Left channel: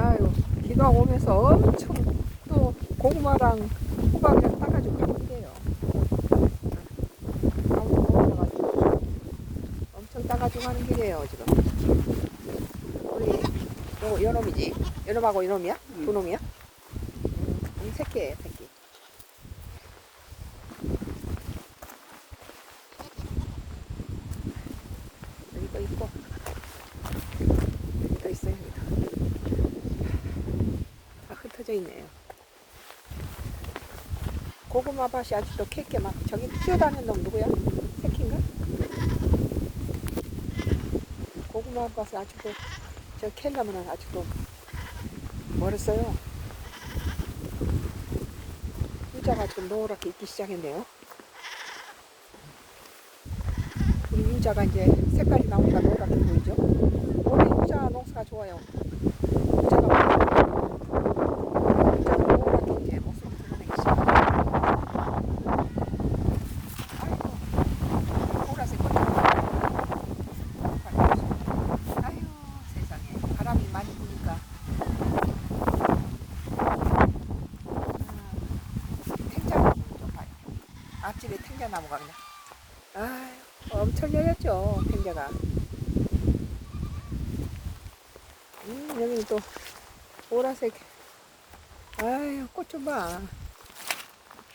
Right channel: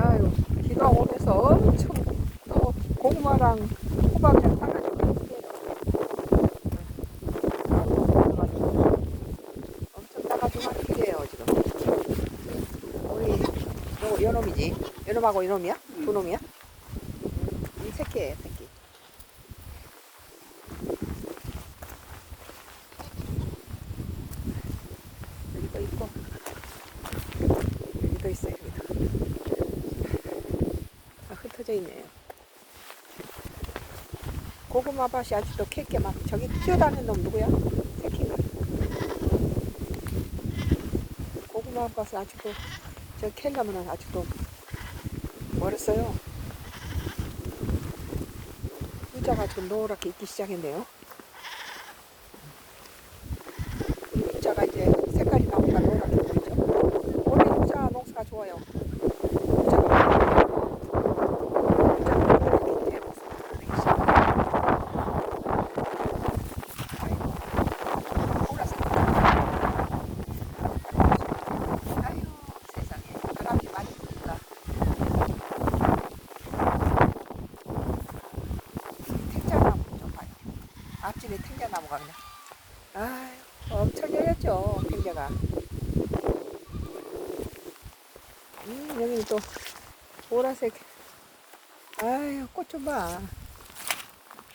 아유, 비가 오면서 엄청 또 고구마랑 호박이랑. 아우, 따가지고. 엄청 따가지고 가는 길이에요, 지금. 우리, 요거, 요 놈이지. 요 놈하고 이 놈이야? 두 놈이야? 음, 이 새끼예요, 새끼. 여기 또 있고. 여기 또 있어요, 여기도. 다 흩어져 있네요. 고구마 밭이 아직도 캘게 막 저기 뛰어다니는 놈 누구야? 새끼인가? 고구마 밭이 아직도 저 캘려면 아직도 멀었어요. 유자가 지금 노랗게 익기 시작했네요. 우리 유자가 이제 색깔이 나오니까 노랗게 보이죠? 올해 유자 농사가 좋아요. 유자가 유자가 노랗게 이제 모습을 내기 시작하죠. 아이고, 보라색. 아유, 세상에. 바람이 많이 부니까. 탱자나무 좀 봐요. 앞집에 탱자나무가 그냥. 아유, 엄청 열렸죠, 탱자가. 음, 여기 또 보라색. 아유, 꽃 좀 봐.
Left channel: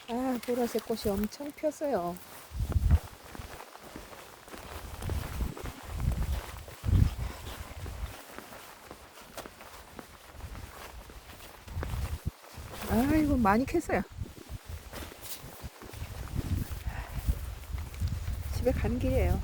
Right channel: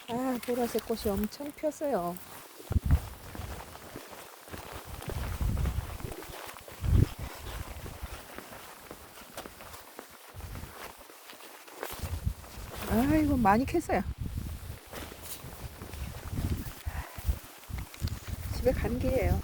아, 보라색 꽃이 엄청 폈어요. 아이고, 많이 캤어요. 집에 가는 길이에요.